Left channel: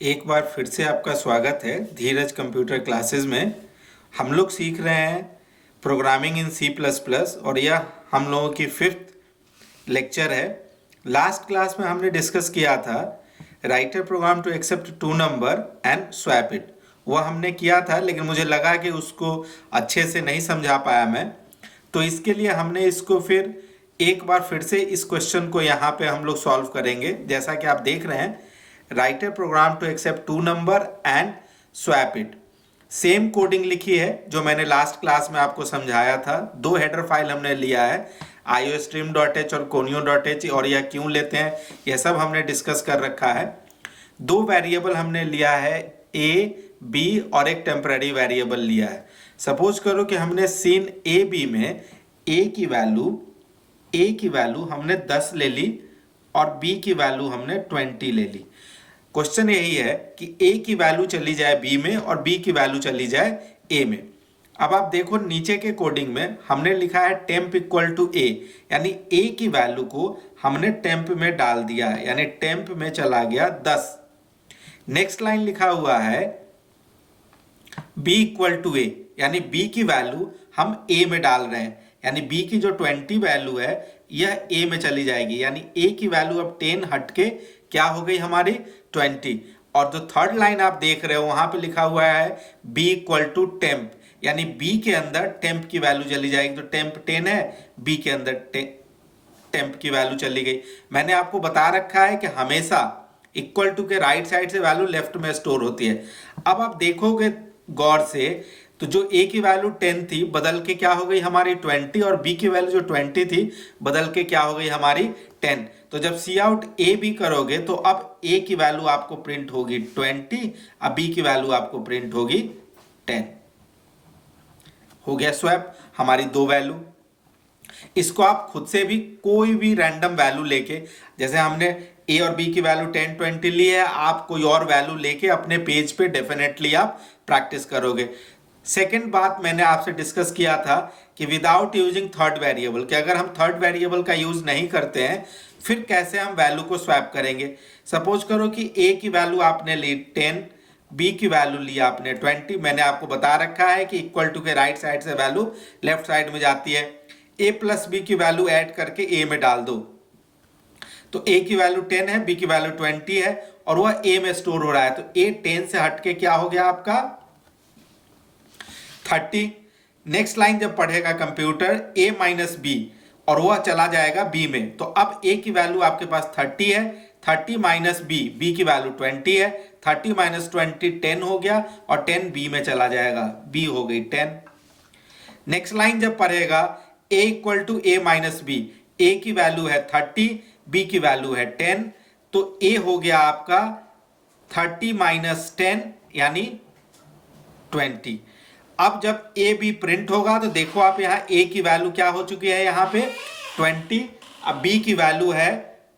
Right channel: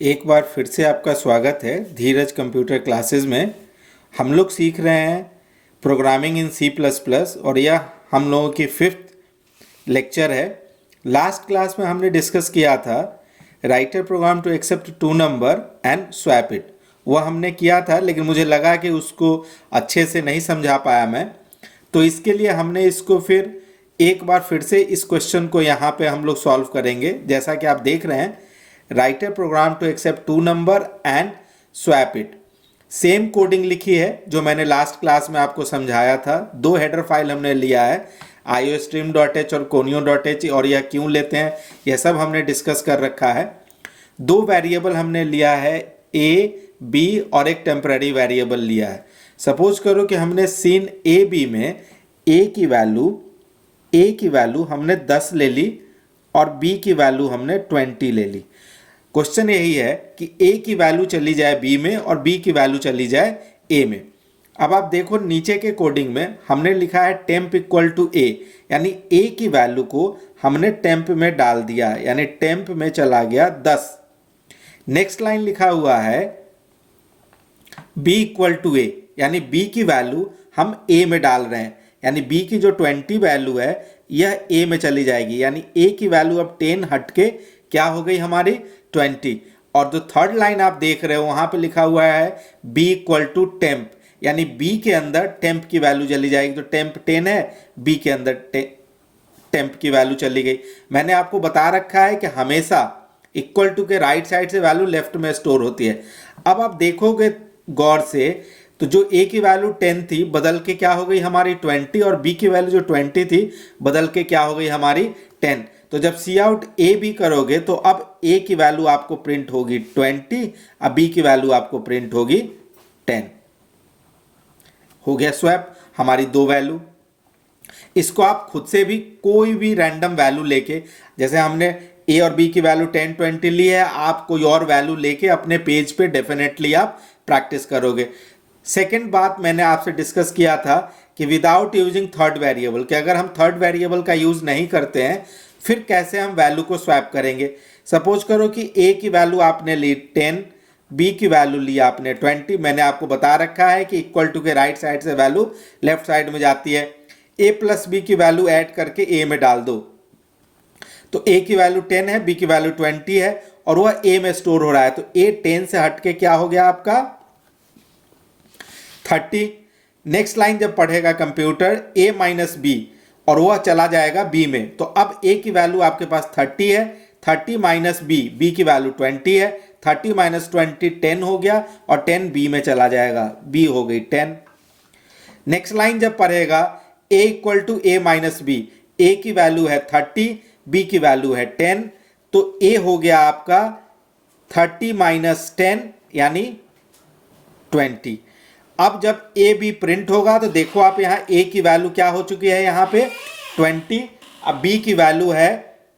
एक बार फिर से आपका स्वागत है धीरज कंप्यूटर क्लासेस में। हम लोग सीख रहे हैं programming in C plus plus और यह हम लोगों की 5th लेक्चर है। लास्ट क्लास में हमने डिस्कस किया था write a program to accept two number and swap it. वह हमने किया था, लेकिन मुझे लगा कि उसको अच्छे से नहीं समझा पाया मैं, तो इसके लिए हमने इसको फिर एक बार फिर से इस क्वेश्चन को यहाँ पे हम लोग सॉल्व करेंगे। जैसा कि आप देख रहे हैं, write a program to accept two number and swap it. Same coding लिखी है जो मैंने लास्ट क्लास में आपको समझाया था। दो हेडर फाइल हमने लिया है, iostream.h और conio.h, और यह क्यों लेते हैं यह सब हमने डिस्कस कर रखा है। दो वेरिएबल हमने लिया है, a b, और एक टेम्पररी वेरिएबल लिया है। सपोज करो कि हमने सीन ए बी में a की वैल्यू हमने 10 ले ली और b की वैल्यू हमने 20 ले ली। क्वेश्चन यही है कि a की वैल्यू चली जाए b में और b की वैल्यू चली जाए a में। अब आप देखो नीचे के कोडिंग में हमने लिखा है टेम्प इक्वल टू a, यानी a की वैल्यू को हमने टेम्प में डाल दिया, यानी टेम्प में चला गया 10। नेक्स्ट लाइन लिखा हुआ है b इक्वल टू a, यानी b की वैल्यू हम a में डाल रहे हैं, यानी b की जो 20 वैल्यू है यह a में चली जाएगी, यानी a की वैल्यू अब 10 हट के क्या हो गई हमारी 20। और जो थर्ड लाइन आप देख रहे हो वहां पे लिखा हुआ है b इक्वल टू टेम्प, यानी b के अंदर टेम्प की वैल्यू चली जाएगी। तो टेम्प 10 है, b के अंदर टेम्प की वैल्यू चली गई। मैंने आपको बता रखा है कि हमेशा इक्वल टू के राइट साइड से वैल्यू लेफ्ट में स्टोर होती है। अब आप देखोगे गौर से तो जो a की वैल्यू 10 थी बदल के क्या हो गई हमारी 20, और b की वैल्यू जो 20 थी बदल के क्या हो गई हमारी 10। तो जब सी आउट ए बी करोगे तो अब a की वैल्यू आपको प्रिंट होगी 20, अब b की वैल्यू आपको प्रिंट होगी 10। हो गया स्वैप हमारी दो वैल्यू। इसको आप खुद से भी कोई भी रैंडम वैल्यू लेके, जैसे हमने a और b की वैल्यू 10 20 ली है, आप कोई और वैल्यू लेके अपने पेज पे डेफिनेटली आप प्रैक्टिस करोगे। सेकेंड बात मैंने आपसे डिस्कस किया था कि विदाउट यूजिंग थर्ड वेरिएबल, कि अगर हम थर्ड वेरिएबल का यूज नहीं करते हैं फिर कैसे हम वैल्यू को स्वैप करेंगे। सपोज करो कि a की वैल्यू आपने ली 10, b की वैल्यू ली आपने 20। मैंने आपको बता रखा है कि इक्वल टू के राइट साइड से वैल्यू लेफ्ट साइड में जाती है। a प्लस b की वैल्यू ऐड करके a में डाल दो, तो a की वैल्यू 10 है, b की वैल्यू 20 है और वह a में स्टोर हो रहा है। तो a 10 से हट के क्या हो गया आपका 30। नेक्स्ट लाइन जब पढ़ेगा कंप्यूटर a माइनस बी और वह चला जाएगा b में, तो अब a की वैल्यू आपके पास 30 है, 30 माइनस b की वैल्यू 20 है, 30 माइनस 20 10 हो गया और 10 b में चला जाएगा, b हो गई 10। नेक्स्ट लाइन जब पढ़ेगा a equal to a minus B, a की वैल्यू है 30, b की वैल्यू है 10, तो a हो गया आपका 30 माइनस 10 यानी 20। अब जब ए बी प्रिंट होगा तो देखो आप यहाँ ए की वैल्यू क्या हो चुकी है यहाँ पे 20, अब बी की वैल्यू है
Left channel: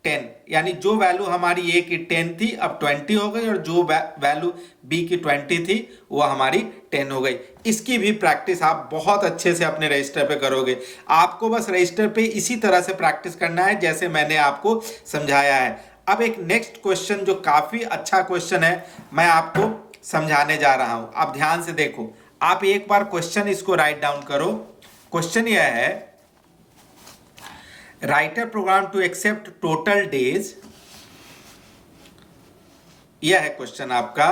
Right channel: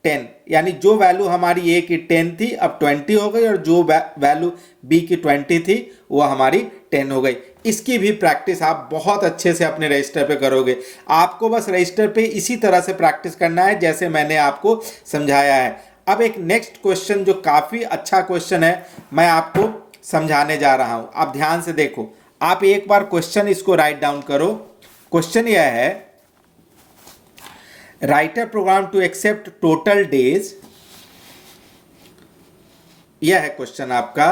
10, यानी जो वैल्यू हमारी ए की 10 थी अब 20 हो गई और जो वैल्यू बी की 20 थी वो हमारी 10 हो गई। इसकी भी प्रैक्टिस आप बहुत अच्छे से अपने रजिस्टर पे करोगे। आपको बस रजिस्टर पे इसी तरह से प्रैक्टिस करना है जैसे मैंने आपको समझाया है। अब एक नेक्स्ट क्वेश्चन जो काफी अच्छा क्वेश्चन है मैं आपको समझाने जा रहा हूं, आप ध्यान से देखो। आप एक बार क्वेश्चन इसको राइट डाउन करो। क्वेश्चन यह है write a program to accept total days, यह है क्वेश्चन आपका।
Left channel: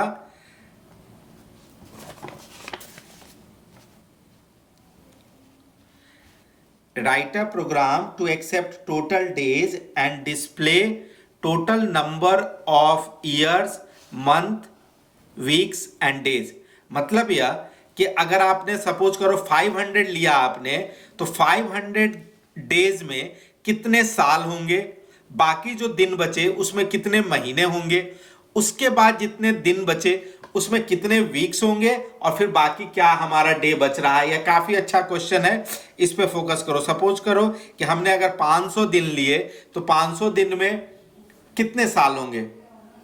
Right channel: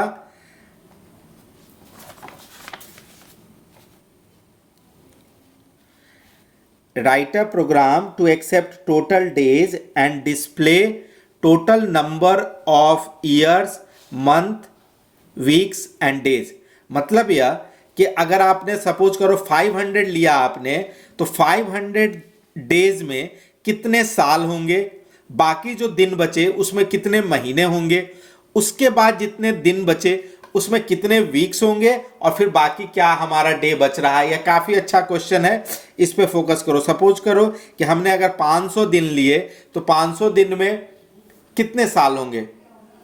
Write a program to accept total days and display total number of years, month, weeks and days. मतलब यह कि अगर आपने सपोज करो 500 लिया आपने, तो 500 डेज में कितने साल होंगे, बाकी जो दिन बचे उसमें कितने महीने होंगे, उसके बाद जितने दिन बचे उसमें कितने वीक्स होंगे, और फिर बाकी क्या हमारा डे बच रहा है। यह काफी अच्छा क्वेश्चन है, इस पे फोकस करो। सपोज करो कि हमने अगर 500 दिन लिए तो 500 दिन में कितने साल होंगे,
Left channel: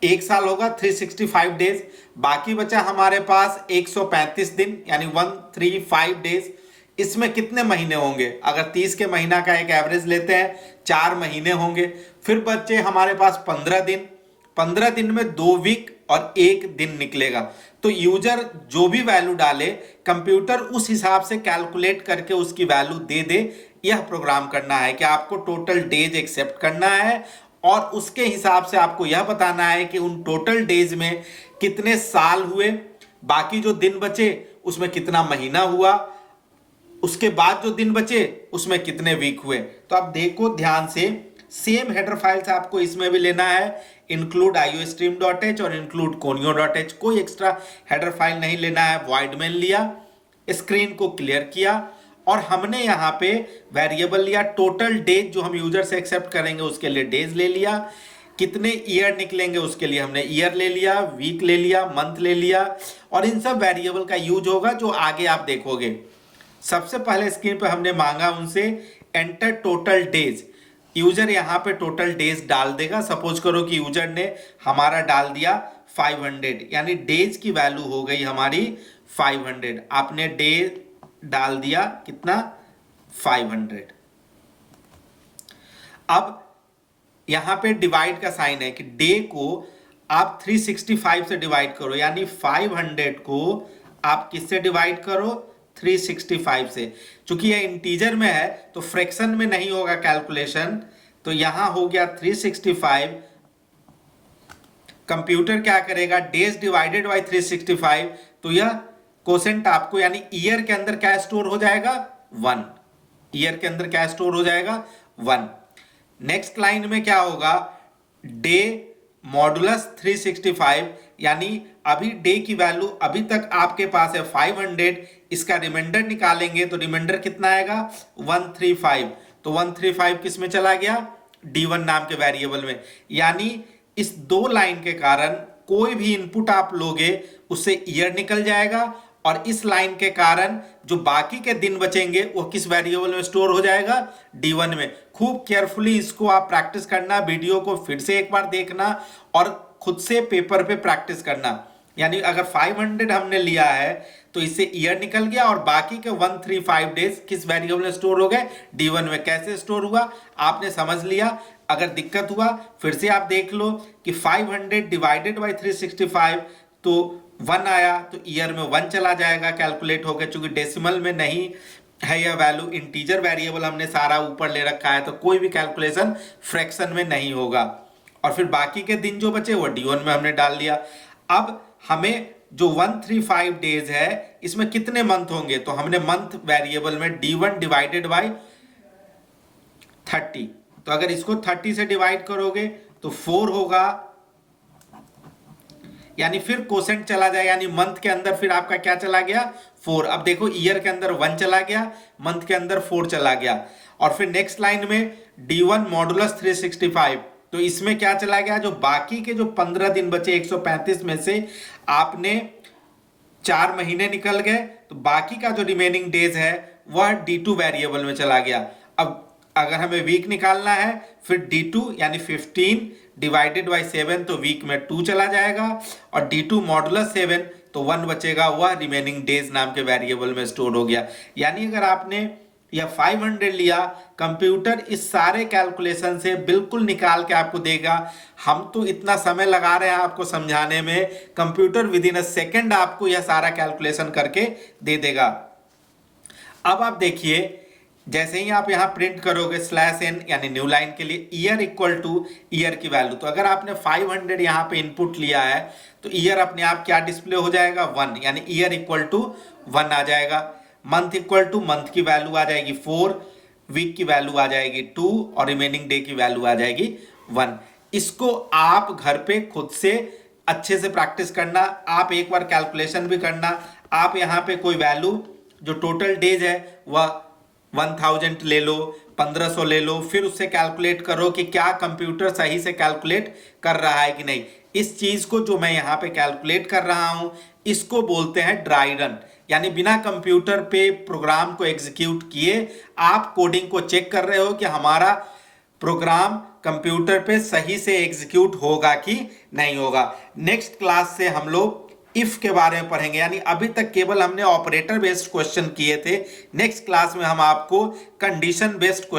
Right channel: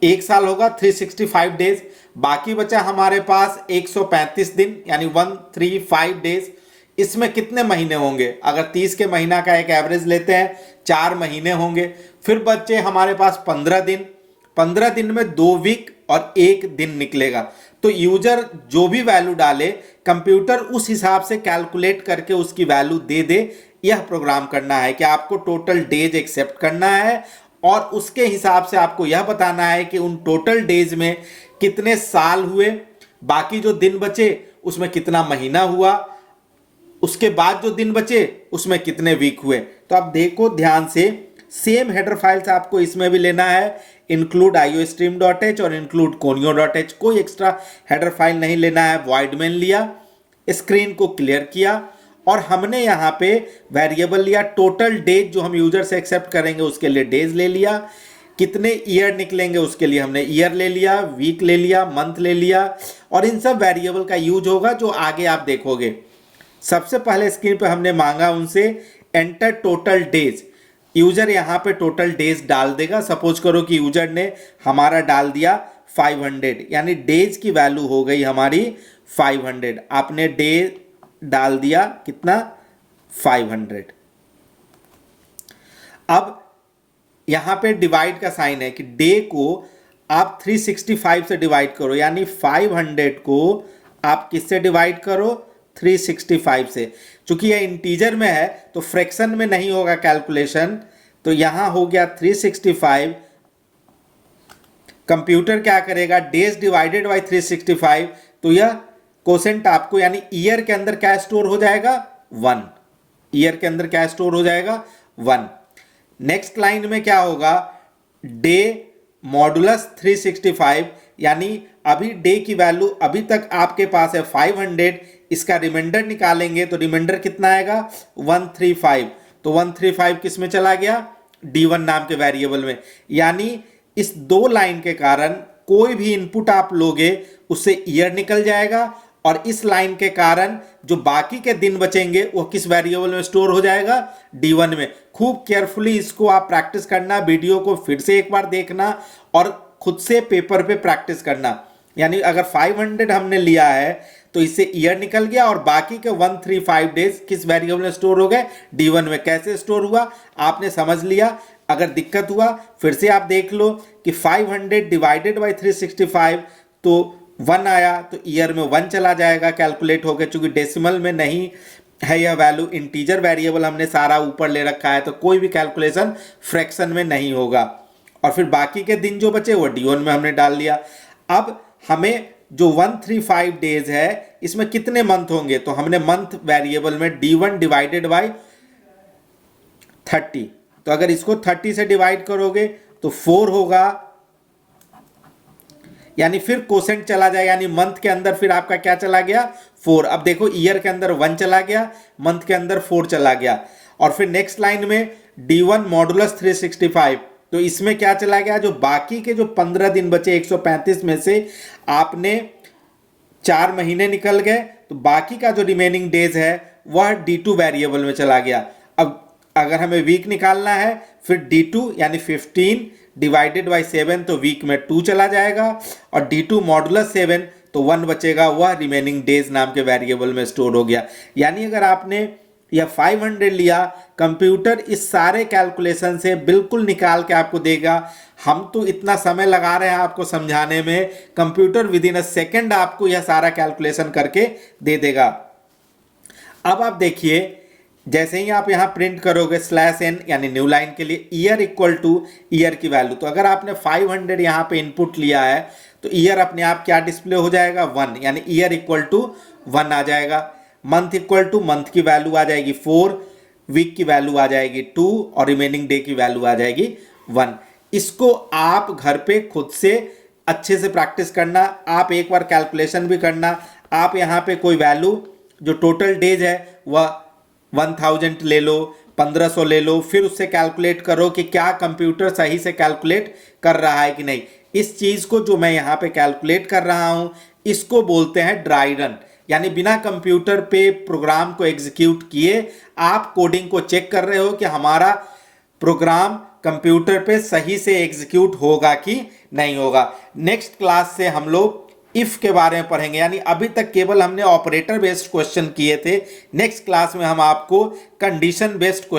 एक साल होगा 365 डेज, बाकी बचा हमारे पास 135 दिन यानी 135 डेज। इसमें कितने महीने होंगे, अगर 30 के महीना का एक एवरेज लेते हैं 4 महीने होंगे। फिर बचे हमारे पास 15 दिन, 15 दिन में 2 वीक और 1 दिन निकलेगा। तो यूजर जो भी वैल्यू डाले कंप्यूटर उस हिसाब से कैलकुलेट करके उसकी वैल्यू दे दे। यह प्रोग्राम करना है कि आपको टोटल डेज एक्सेप्ट करना है और उसके हिसाब से आपको यह बताना है कि उन टोटल डेज में कितने साल हुए, बाकी जो दिन बचे उसमें कितना महीना हुआ, उसके बाद जो दिन बचे उसमें कितने वीक हुए। तो आप देखो ध्यान से, सेम हेडर फाइल्स आपको इसमें भी लेना है, इंक्लूड iostream.h और इंक्लूड conio.h। कोई एक्स्ट्रा हेडर फाइल नहीं लेना है। वॉइड मेन लिया, स्क्रीन को क्लियर किया और हमने यहाँ पे वेरिएबल लिया टोटल डेज, जो हम यूजर से एक्सेप्ट करेंगे उसके लिए डेज ले लिया, कितने ईयर निकलेंगे उसके लिए हमने ईयर ले लिया, वीक ले लिया, मंथ ले लिया। और इन सब वेरिएबल का यूज होगा जो आगे आप देखोगे। सबसे पहले स्क्रीन पे हमने मांगा उनसे एंटर टोटल डेज। यूजर यहाँ पे टोटल डेज डाल देगा। सपोज करो कि यूजर ने हमारा डाल दिया 500, यानी डेज की वैल्यू हो गई हमारी 500। आपने डे डाल दिया कितना, 500। अब यहां पे डिवाइड का साइन है कि डे को आप 365 से डिवाइड करो, यानी 500 को आप किससे डिवाइड करो, 365 से। चूंकि यह इंटीजर में है तो फ्रैक्शन में नहीं होगा कैलकुलेशन, तो यहां हो गया 365। कंप्यूटर क्या करेगा, डेज डिवाइडेड बाई 365, तो यह कोसेंट आपको यानी ईयर के अंदर क्या स्टोर हो जाएगा, 1। ईयर के अंदर क्या स्टोर हो जाएगा, 1। नेक्स्ट लाइन में क्या होगा, डे मॉडुलस 365, यानी अभी डे की वैल्यू अभी तक आपके पास है 500, इसका रिमाइंडर निकालेंगे तो रिमाइंडर कितना आएगा, 135। तो 135 किस में चला गया, D1 नाम के वेरिएबल में। यानी इस 2 लाइन के कारण कोई भी इनपुट आप लोगे उससे ईयर निकल जाएगा और इस लाइन के कारण जो बाकी के दिन बचेंगे वो किस वेरिएबल में स्टोर हो जाएगा, D1 में। खूब केयरफुली इसको आप प्रैक्टिस करना, वीडियो को फिर से एक बार देखना और खुद से पेपर पे प्रैक्टिस करना। यानी अगर 500 हमने लिया है तो इससे ईयर निकल गया और बाकी के 135 डेज किस वेरिएबल में स्टोर हो गए, D1 में। कैसे स्टोर हुआ आपने समझ लिया। अगर दिक्कत हुआ फिर से आप देख लो कि 500 डिवाइडेड बाई 365 तो 1 आया, तो ईयर में 1 चला जाएगा कैलकुलेट होकर। चूंकि डेसिमल में नहीं है यह वैल्यू, इंटीजर वेरिएबल हमने सारा ऊपर ले रखा है, तो कोई भी कैलकुलेशन फ्रैक्शन में नहीं होगा। और फिर बाकी के दिन जो बचे वो D1 में हमने डाल लिया। अब हमें जो 135 डेज है इसमें कितने मंथ होंगे, तो हमने मंथ वेरिएबल में D1 डिवाइडेड बाई 30, तो अगर इसको 30 से डिवाइड करोगे तो 4 होगा, यानी फिर कोसेंट चला जाए, यानी मंथ के अंदर फिर आपका क्या चला गया, 4। अब देखो ईयर के अंदर 1 चला गया, मंथ के अंदर 4 चला गया। और फिर नेक्स्ट लाइन में D1 मॉडुलस 365, तो इसमें क्या चला गया, जो बाकी के जो 15 दिन बचे 135 में से आपने 4 महीने निकल गए, तो बाकी का जो रिमेनिंग डेज है वह D2 वेरिएबल में चला गया। अब अगर हमें वीक निकालना है फिर D2 यानी 15 डिवाइडेड बाई 7, तो वीक में 2 चला जाएगा और D2 मॉडुलस 7 तो 1 बचेगा, वह रिमेनिंग डेज नाम के वेरिएबल में स्टोर हो गया। यानी अगर आपने यह 500 लिया, कंप्यूटर इस सारे कैलकुलेशन से बिल्कुल निकाल के आपको देगा। हम तो इतना समय लगा रहे हैं आपको समझाने में, computer with in a second आपको यह सारा कैलकुलेशन करके दे देगा। अब आप देखिए, जैसे ही आप यहाँ प्रिंट करोगे /n यानी न्यू लाइन के लिए ईयर इक्वल टू ईयर की वैल्यू, तो अगर आपने 500 यहाँ पे इनपुट लिया है तो ईयर अपने आप क्या डिस्प्ले हो जाएगा, 1, यानी ईयर इक्वल टू 1 आ जाएगा। मंथ इक्वल टू मंथ की वैल्यू आ जाएगी 4, वीक की वैल्यू आ जाएगी 2 और रिमेनिंग डे की वैल्यू आ जाएगी 1। इसको आप घर पे खुद से अच्छे से प्रैक्टिस करना, आप एक बार कैलकुलेशन भी करना। आप यहाँ पे कोई वैल्यू जो टोटल डेज है वह 1000 ले लो, 1500 ले लो, फिर उससे कैलकुलेट करो कि क्या कंप्यूटर सही से कैलकुलेट कर रहा है कि नहीं। इस चीज को जो मैं यहाँ पे कैलकुलेट कर रहा हूं इसको बोलते हैं ड्राई रन, यानी बिना कंप्यूटर पे प्रोग्राम को एग्जीक्यूट किए आप कोडिंग को चेक कर रहे हो कि हमारा प्रोग्राम कंप्यूटर पे सही से एग्जीक्यूट होगा कि नहीं होगा। नेक्स्ट क्लास से हम लोग इफ के बारे में पढ़ेंगे, यानी अभी तक केवल हमने ऑपरेटर बेस्ड क्वेश्चन किए थे। नेक्स्ट क्लास में हम आपको कंडीशन बेस्ड क्वेश्चन